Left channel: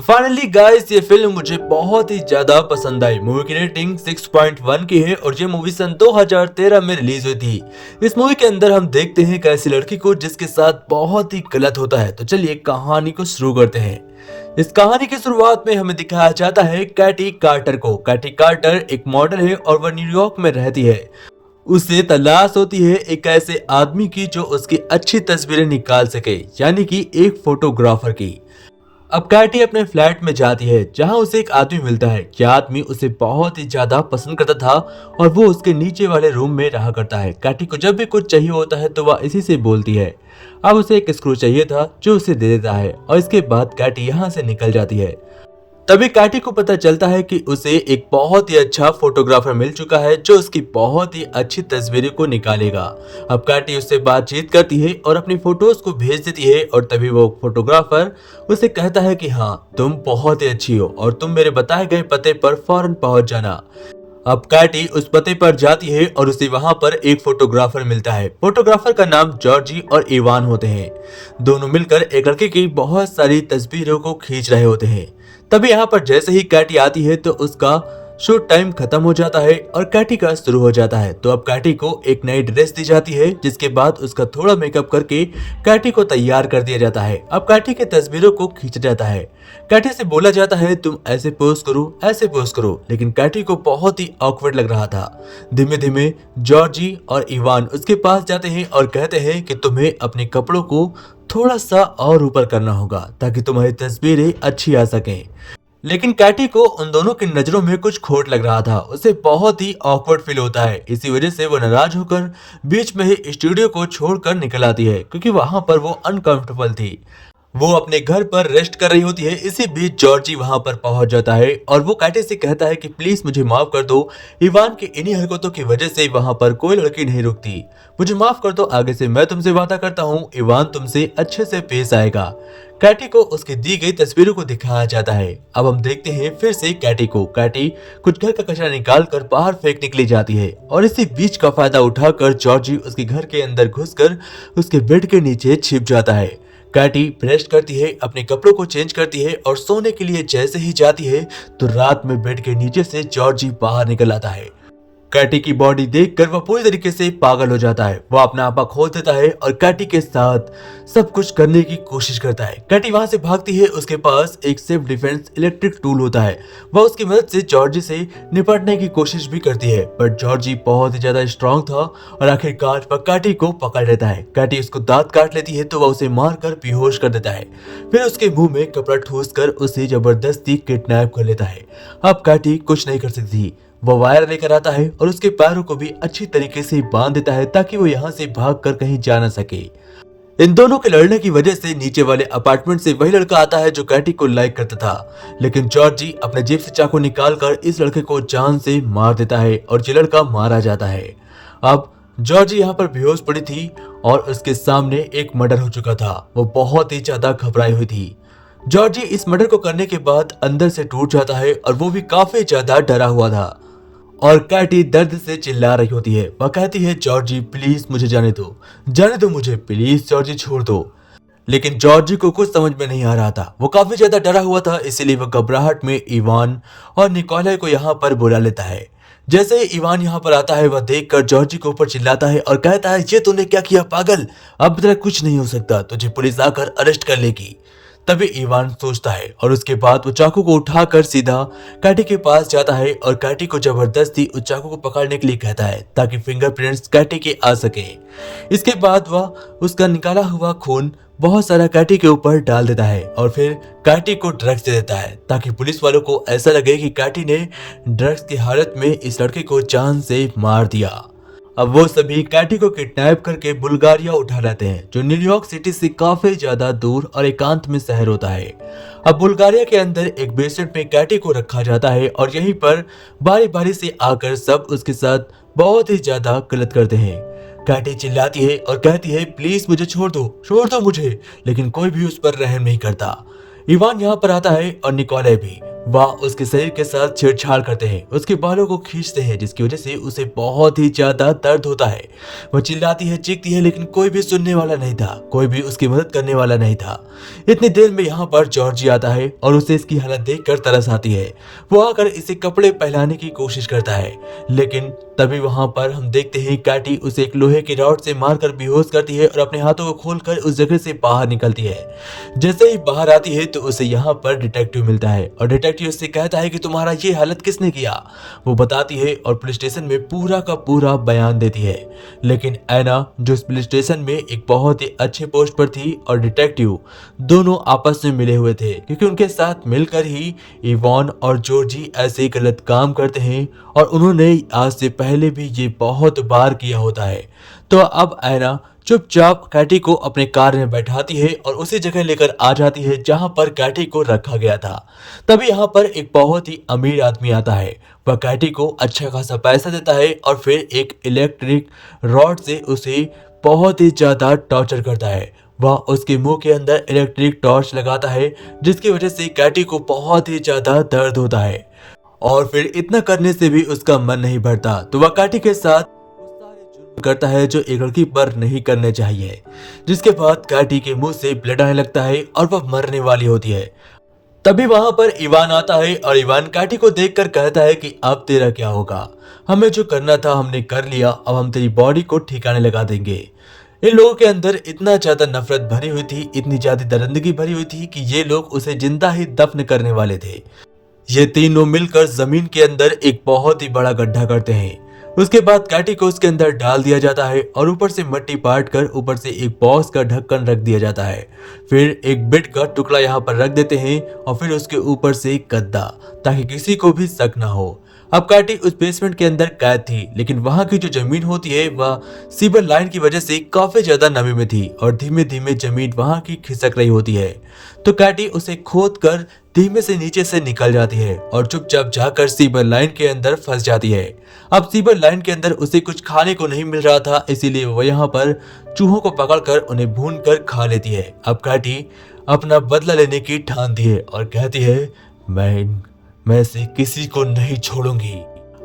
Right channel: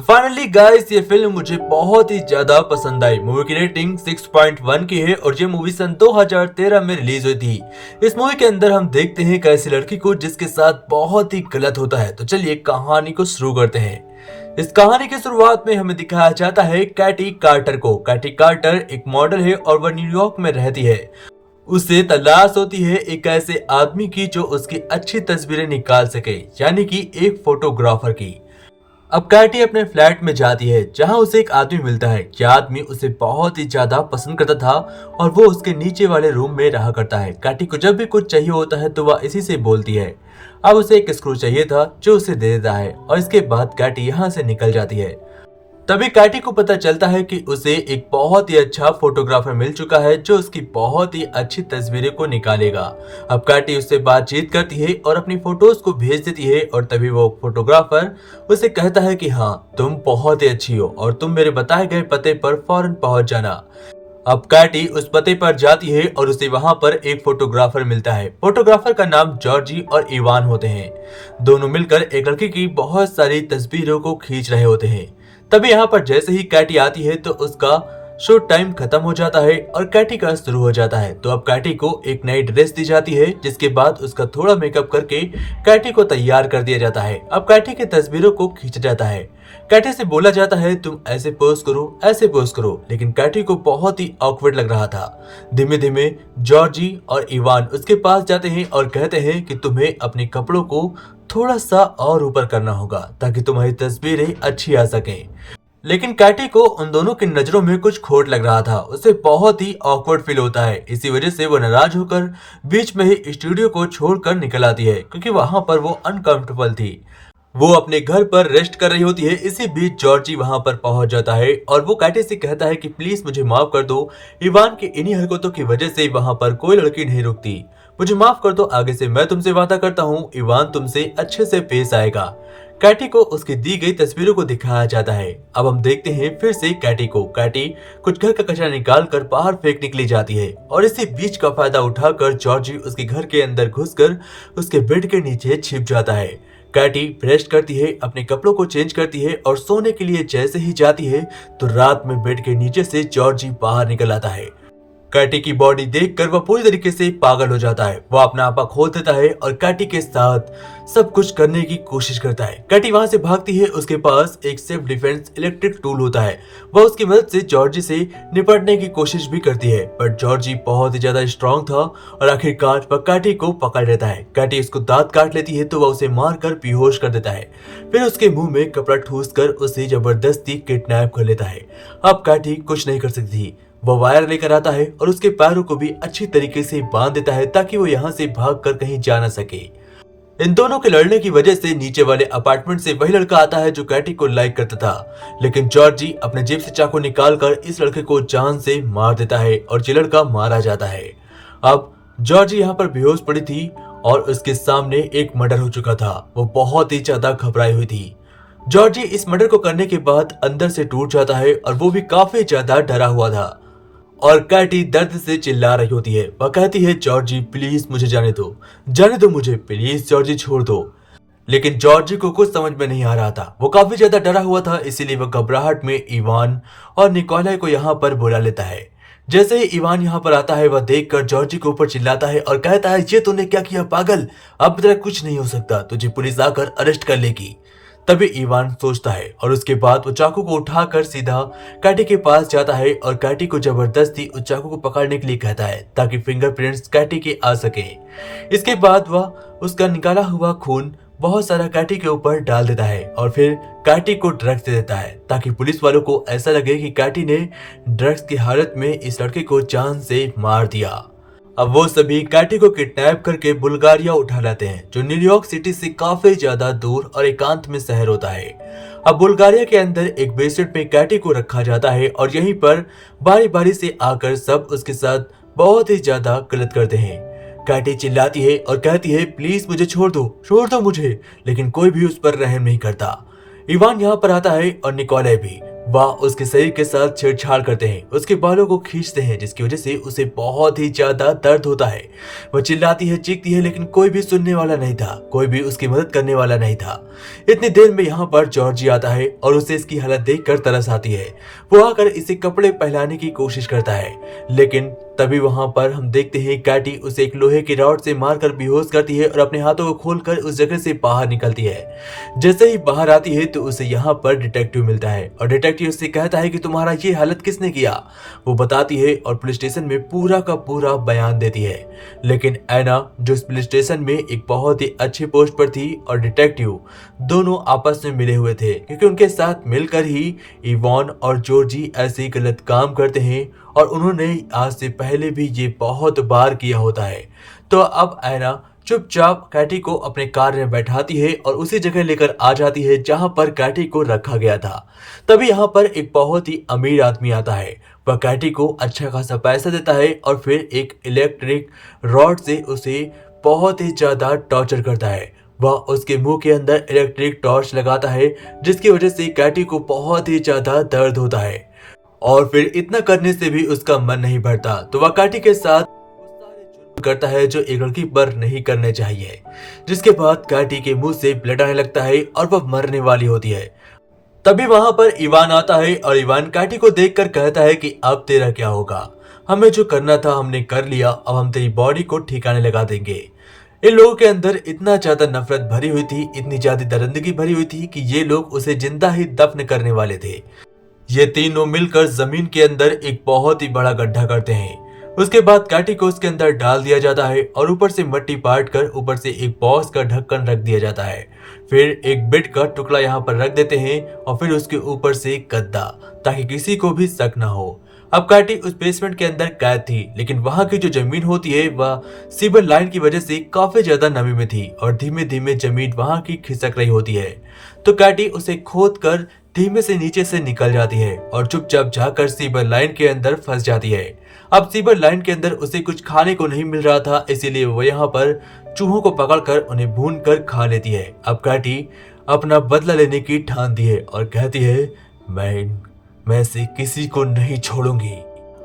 तो finally guys ये film मुझे बहुत ही ज्यादा पसंद आई। मूवी की रेटिंग 6.1 की है और ये मूवी सन 2013 में रिलीज हुई थी। इस मूवी के अंदर हम देखते हैं एक ऐसी लड़की को जिसके साथ बहुत ही गलत होता है। तो चलिए कहानी को शुरू करते हैं। इस कहानी की शुरुआत में हमें दिखाया जाता है कैटी कार्टर को। कैटी कार्टर एक मॉडल है और वह न्यूयॉर्क में रहती है। उसे तलाश होती है एक ऐसे आदमी की जो उसकी अच्छी तस्वीरें निकाल सके, यानी कि एक फोटोग्राफर की। अब कैटी अपने फ्लैट में जाती है जहां उसे एक आदमी मिलता है। यह आदमी उसे बहुत ही ज्यादा पसंद करता था और वो उसके नीचे वाले रूम में रहा करता है। कैटी को जब भी कुछ चाहिए होता है तो वह इसी से बोलती है। अब उसे एक स्क्रू चाहिए था जो उसे दे देता है और इसके बाद कैटी यहाँ से निकल जाती है। तभी कैटी को पता चलता है कि उसे एक बहुत ही अच्छा फोटोग्राफर मिल चुका है जो उसकी बहुत ही अच्छी तस्वीरें को निकालेगा। अब कैटी उससे बातचीत करती है और अपनी फोटोज को भेज देती है और तभी वो फोटोग्राफर उसे कहता है कि हाँ, तुम बहुत ही अच्छी हो और तुम मेरे बताए गए पते पर फौरन पहुंच जाना। अब कैटी उस पते पर जाती है और उसे वहां पर एक फोटोग्राफर मिलता है। फोटोग्राफर का नाम जॉर्जी और इवान होते हैं। दोनों मिलकर एक लड़के की बहुत सारी तस्वीरों को खींच रहे होते हैं। तभी यहाँ पर जैसे ही कैटी आती है तो उसका शूट टाइम खत्म हो जाता है और कैटी का शुरू हो जाता है। तो अब कैटी को एक नई ड्रेस दी जाती है जिसके बाद उसका थोड़ा मेकअप करके कैटी को तैयार कर दिया जाता है। अब कैटी की तस्वीरों को खींचा जाता है। कैटी से बोला जाता है तुम ऐसे पोज करो, ऐसे पोज करो, लेकिन कैटी को बहुत ही ऑकवर्ड लग रहा था। धीमे धीमे जॉर्जी और इवान उसके पास जाते हैं और कहते हैं कि तुम्हें अपने कपड़ों को थोड़ा सा और ऊपर करना होगा ताकि तुम्हारी तस्वीरें अच्छी आ सकें। लेकिन कैटी को उन दोनों की नजरों में कुछ खोट लग रहा था। उसे बहुत ही ऑकवर्ड फील होता है। इसी वजह से वो नाराज होकर बीच में ही स्टूडियो को छोड़कर निकल आती है क्योंकि वहां पर वो अनकंफर्टेबल थी। वो अपने घर पर रेस्ट कर रही होती है। इसी बीच जॉर्जी वहां पर पहुंच जाता है और वो कैटी से कहता है कि प्लीज मुझे माफ कर दो। इवान की इन्हीं हरकतों की वजह से वहां पर कोई लड़की नहीं रुकती। मुझे माफ कर दो, आगे से मैं तुमसे वादा करता हूँ इवान तुमसे अच्छे से पेश आएगा। कैटी को उसकी दी गई तस्वीरों को दिखाया जाता है। अब हम देखते हैं फिर से कैटी को। कैटी कुछ घर का कचरा निकाल कर बाहर फेंक निकली जाती है और इसी बीच का फायदा उठाकर जॉर्जी उसके घर के अंदर घुसकर उसके बेड के नीचे छिप जाता है। कैटी ब्रश करती है, अपने कपड़ों को चेंज करती है और सोने के लिए जैसे ही जाती है तो रात में बेड के नीचे से जॉर्जी बाहर निकल आता है। कैटी की बॉडी देखकर वह पूरी तरीके से पागल हो जाता है। वह अपना आपा खोल देता है और कैटी के साथ सब कुछ करने की कोशिश करता है। कैटी वहां से भागती है। उसके पास एक सेल्फ डिफेंस इलेक्ट्रिक टूल होता है। वह उसकी मदद से जॉर्जी से निपटने की कोशिश भी करती है, पर जॉर्जी बहुत ही ज्यादा स्ट्रांग था और आखिरकार वह कैटी को पकड़ लेता है। कैटी उसको दांत काट लेती है तो वह उसे मारकर बेहोश कर देता है। फिर उसके मुंह में कपड़ा ठूस कर उसे जबरदस्ती किडनैप कर लेता है। अब कैटी कुछ नहीं कर सकती। वो वायर लेकर आता है और उसके पैरों को भी अच्छी तरीके से बांध देता है ताकि वो यहाँ से भागकर कहीं जा न सके। इन दोनों के लड़ने की वजह से नीचे वाले अपार्टमेंट से वही लड़का आता है जो कैटी को लाइक करता था, लेकिन जॉर्जी अपने जेब से चाकू निकालकर इस लड़के को जान से मार देता है और ये लड़का मारा जाता है। अब जॉर्जी यहाँ पर बेहोश पड़ी थी और उसके सामने एक मर्डर हो चुका था। वो बहुत ही ज्यादा घबराई हुई थी। जॉर्जी इस मर्डर को करने के बाद अंदर से टूट जाता है और वो भी काफी ज्यादा डरा हुआ था और कैटी दर्द से चिल्ला रही होती है। वह कहती है जॉर्जी प्लीज मुझे जाने दो मुझे, प्लीज जॉर्जी छोड़ दो। लेकिन जॉर्जी को कुछ समझ में नहीं आ रहा था। वो काफी ज्यादा डरा हुआ था, इसीलिए वह घबराहट में इवान और निकोलाई को यहाँ पर बुला लेता है। जैसे ही इवान यहाँ पर आता है वह देखकर जॉर्जी के ऊपर चिल्लाता है और कहता है ये तूने क्या किया पागल, अब तेरा कुछ नहीं हो सकता, तुझे पुलिस आकर अरेस्ट कर लेगी। तभी इवान सोचता है और उसके बाद वो चाकू को उठाकर सीधा कैटी के पास जाता है और कैटी को जबरदस्ती उस चाकू को पकड़ने के लिए कहता है ताकि फिंगरप्रिंट्स कैटी के आ सके। इसके बाद वह उसका निकाला हुआ खून बहुत सारा कैटी के ऊपर डाल देता है और फिर कैटी को ड्रग्स दे देता है ताकि पुलिस वालों को ऐसा लगे कि कैटी ने ड्रग्स की हालत में इस लड़के को जान से मार दिया। अब वो सभी कैटी को किडनैप करके बुल्गारिया उठा लाते हैं जो न्यूयॉर्क सिटी से काफी ज्यादा दूर और एकांत में शहर होता है। अब बुल्गारिया के अंदर एक बेसमेंट में कैटी को रखा जाता है और यहीं पर बारी बारी से आकर सब उसके साथ बहुत ही ज्यादा गलत करते हैं। कैटी चिल्लाती है और कहती है प्लीज मुझे छोड़ दो मुझे, लेकिन कोई भी उस पर रहम नहीं करता। इवान यहाँ पर आता है और निकोलाई भी। वह उसके शरीर के साथ छेड़छाड़ करते हैं, उसके बालों को खींचते हैं जिसकी वजह से उसे बहुत ही ज्यादा दर्द होता है। वह चिल्लाती है, चीखती है, लेकिन कोई भी सुनने वाला नहीं था, कोई भी उसकी मदद करने वाला नहीं था। इतनी देर में यहाँ पर जॉर्जी आता है और उसे इसकी हालत देखकर तरस आती है। वो आकर इसे कपड़े पहनाने की कोशिश करता है, लेकिन तभी वहां पर हम देखते हैं कैटी उसे एक लोहे की रॉड से मारकर बेहोश करती है और अपने हाथों को खोलकर उस जगह से बाहर निकलती है। जैसे ही बाहर आती है तो उसे यहाँ पर डिटेक्टिव मिलता है और डिटेक्टिव उससे कहता है कि तुम्हारा ये हालत किसने किया। वो बताती है और पुलिस स्टेशन में पूरा का पूरा बयान देती है। लेकिन ऐना जो इस पुलिस स्टेशन में एक बहुत ही अच्छे पोस्ट पर थी और डिटेक्टिव दोनों आपस में मिले हुए थे, क्योंकि उनके साथ मिलकर ही इवान और जॉर्जी ऐसे गलत काम करते हैं और उन्होंने आज से पहले भी ये बहुत बार किया होता है। तो अब ऐना चुपचाप कैटी को अपने कार में बैठाती है और उसी जगह लेकर आ जाती है जहां पर कैटी को रखा गया था। तभी यहाँ पर एक बहुत ही अमीर आदमी आता है। वह कैटी को अच्छा खासा पैसा देता है और फिर एक इलेक्ट्रिक रॉड से उसे बहुत ही ज्यादा टॉर्चर करता है। वह उसके मुंह के अंदर इलेक्ट्रिक टॉर्च लगाता है, जिसकी वजह से कैटी को बहुत ही ज्यादा दर्द होता है और फिर इतना करने से भी उसका मन नहीं भरता, तो वह कैटी के साथ करता है जो एक लड़की पर नहीं करने चाहिए। जिसके बाद कैटी के मुंह से ब्लड आने लगता है और वह मरने वाली होती है। तभी वहां पर इवान आता है और इवान कैटी को देखकर कहता है कि अब तेरा क्या होगा, हमें जो करना था हमने कर लिया, अब हम तेरी बॉडी को ठिकाने लगा देंगे। इन लोगों के अंदर इतना ज्यादा नफरत भरी हुई थी, इतनी ज्यादा दरिंदगी भरी हुई थी कि ये लोग उसे जिंदा ही दफन करने वाले थे। ये तीनों मिलकर जमीन के अंदर एक बहुत ही बड़ा गड्ढा करते हैं। उसके बाद कैटी को उसके अंदर डाल दिया जाता है और ऊपर से मिट्टी पाट कर ऊपर से एक बॉक्स का ढक्कन रख दिया जाता है। फिर एक बिट का टुकड़ा यहाँ पर रख देते हैं और फिर उसके ऊपर से एक गद्दा, ताकि किसी को भी शक न हो। अब कैटी उस बेसमेंट के अंदर कैद थी, लेकिन वहां की जो जमीन होती है वह सीवर लाइन की वजह से काफी ज्यादा नमी में थी और धीमे धीमे जमीन वहां की खिसक रही होती है। तो कैटी उसे खोद कर धीमे से नीचे से निकल जाती है और चुपचाप जाकर सीवर लाइन के अंदर फंस जाती है। अब सीवर लाइन के अंदर उसे कुछ खाने को नहीं मिल रहा था, इसीलिए वो यहाँ पर चूहों को पकड़कर उन्हें भून कर खा लेती है। अब कैटी अपना बदला लेने की ठानती है और कहती है मैं से किसी को नहीं छोड़ूंगी।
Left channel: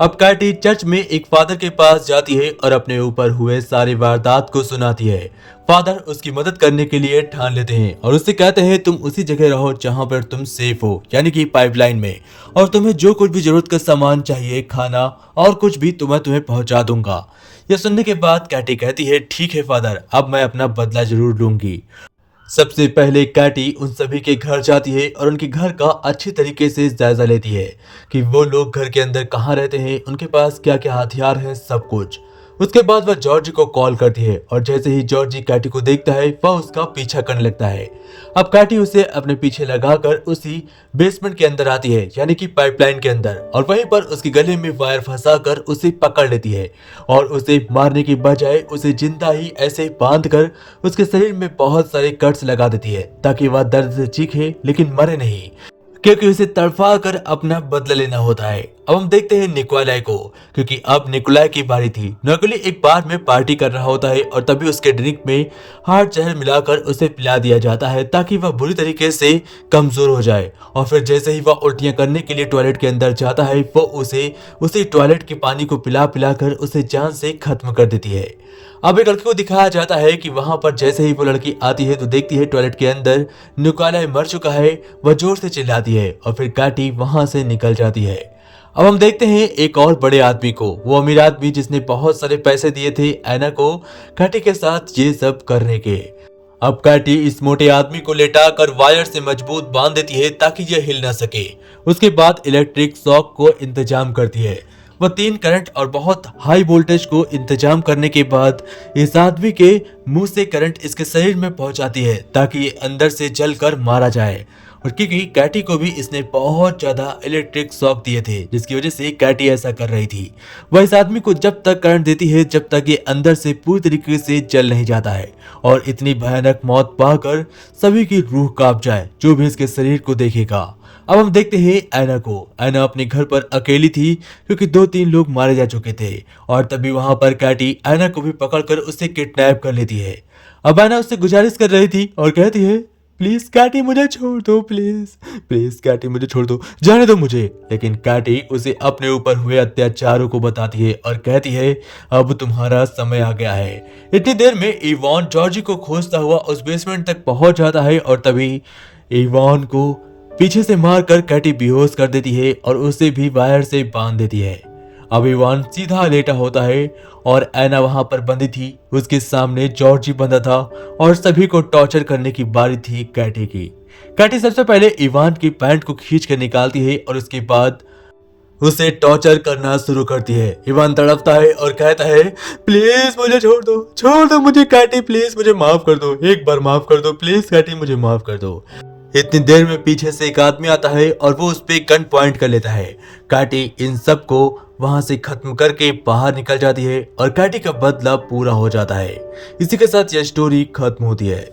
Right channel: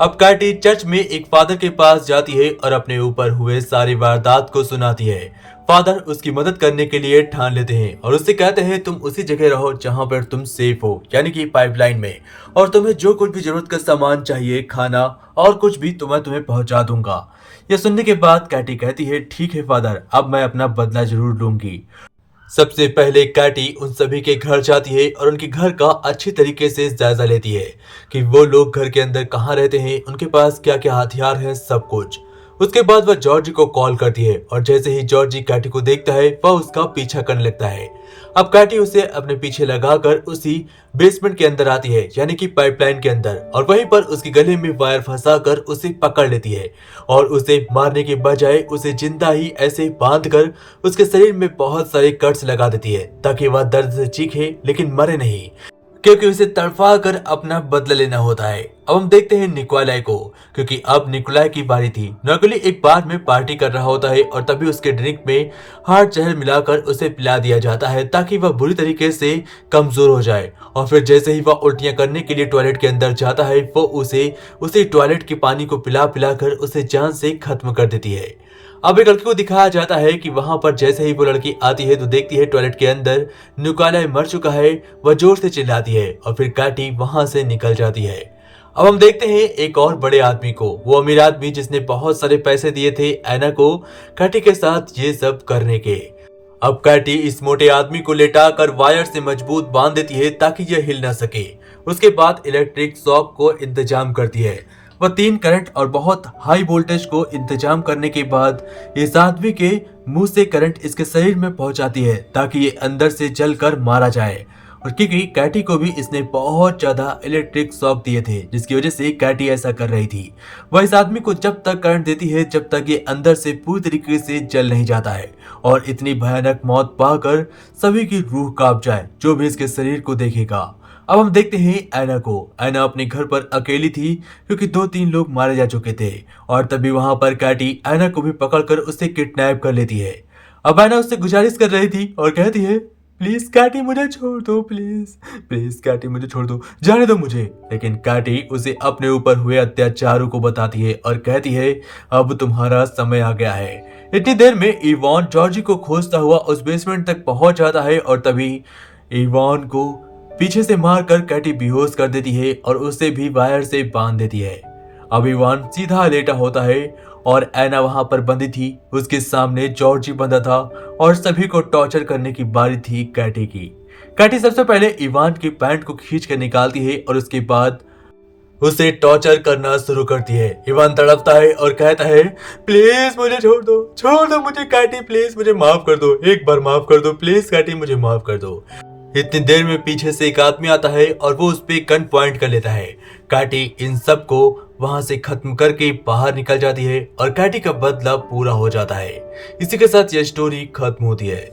अब कैटी चर्च में एक फादर के पास जाती है और अपने ऊपर हुए सारे वारदात को सुनाती है। फादर उसकी मदद करने के लिए ठान लेते हैं और उससे कहते हैं तुम उसी जगह रहो जहां पर तुम सेफ हो, यानी कि पाइपलाइन में, और तुम्हें जो कुछ भी जरूरत का सामान चाहिए, खाना और कुछ भी, तुम्हें पहुंचा दूंगा। यह सुनने के बाद कैटी कहती है ठीक है फादर, अब मैं अपना बदला जरूर लूंगी। सबसे पहले कैटी उन सभी के घर जाती है और उनके घर का अच्छी तरीके से जायजा लेती है कि वो लोग घर के अंदर कहाँ रहते हैं, उनके पास क्या क्या हथियार है, सब कुछ। उसके बाद वह जॉर्जी को कॉल करती है और जैसे ही जॉर्जी कैटी को देखता है वह उसका पीछा करने लगता है। अब कैटी उसे अपने पीछे लगाकर उसी बेसमेंट के अंदर आती है, यानी कि पाइपलाइन के अंदर, और वहीं पर उसके गले में वायर फंसाकर उसे पकड़ लेती है और उसे मारने के बजाय उसे जिंदा ही ऐसे बांधकर उसके शरीर में बहुत सारे कट्स लगा देती है ताकि वह दर्द से चीखे लेकिन मरे नहीं, क्योंकि उसे तड़फा कर अपना बदला लेना होता है। अब हम देखते हैं निकोलाई को, क्योंकि अब निकोलाई की बारी थी। निकोलाई एक बार में पार्टी कर रहा होता है और तभी उसके ड्रिंक में हार्ड जहर मिलाकर उसे पिला दिया जाता है ताकि वह बुरी तरीके से कमजोर हो जाए। और फिर जैसे ही वह उल्टियां करने के लिए टॉयलेट के अंदर जाता है वो उसे टॉयलेट के पानी को पिला कर उसे जान से खत्म कर देती है। अब एक लड़की को दिखाया जाता है कि वहां पर जैसे ही वो लड़की आती है तो देखती है टॉयलेट के अंदर निकोलाई मर चुका है। वह जोर से चिल्लाती है और फिर कैटी वहां से निकल जाती है। अब हम देखते हैं एक और बड़े आदमी को, वो अमीर आदमी जिसने बहुत सारे पैसे दिए थे ऐना को कैटी के साथ ये सब करने के। अब कैटी इस मोटे आदमी को लेटाकर वायर से मजबूत बांध देती है ताकि यह हिल न सके। उसके बाद इलेक्ट्रिक शॉक को इंतजाम करती है। वह 3 करंट और बहुत हाई वोल्टेज को इंतजाम करने के बाद इस आदमी के मुंह से करंट इसके शरीर में पहुंचाती है ताकि ये अंदर से जलकर मारा जाए। और क्योंकि कैटी को भी इसने बहुत ज्यादा इलेक्ट्रिक शॉक दिए थे, जिसकी वजह से कैटी ऐसा कर रही थी। वह इस आदमी को जब तक करंट देती है जब तक ये अंदर से पूरी तरीके से जल नहीं जाता है और इतनी भयानक मौत पाकर सभी की रूह कांप जाए जो भी इसके शरीर को देखेगा। अब हम देखते हैं ऐना को। ऐना अपने घर पर अकेली थी क्योंकि 2-3 लोग मारे जा चुके थे और तभी वहां पर कैटी ऐना को भी पकड़कर उसे किडनैप कर लेती है। अब ऐना उससे गुजारिश कर रही थी और कहती है प्लीज कैटी मुझे छोड़ दो, प्लीज प्लीज कैटी मुझे छोड़ दो, जाने दो मुझे। लेकिन कैटी उसे अपने ऊपर हुए अत्याचारों को बताती है और कहती है अब तुम्हारा समय आ गया है। इतनी देर में इवान जॉर्जी को खोजता हुआ उस बेसमेंट तक पहुंच जाता है और तभी इवान को पीछे से मारकर कैटी बेहोश कर देती है और उसे भी वायर से बांध देती है। अब इवान सीधा लेटा होता है और एना वहां पर बंदी थी, उसके सामने जॉर्जी बंधा था और सभी को टॉर्चर करने की बारी थी कैटी की। कैटी सबसे पहले इवान की पैंट को खींच कर निकालती है और उसके बाद उसे टॉर्चर करना शुरू करती है। इवान तड़पता है और कहता है प्लीज मुझे छोड़ दो मुझे कैटी, प्लीज मुझे माफ कर दो, एक बार माफ कर दो प्लीज कैटी, मुझे माफ कर दो। इतनी देर में पीछे से एक आदमी आता है और वो उस पे गन पॉइंट कर लेता है। कैटी इन सब को वहां से खत्म करके बाहर निकल जाती है और कैटी का बदला पूरा हो जाता है। इसी के साथ यह स्टोरी खत्म होती है।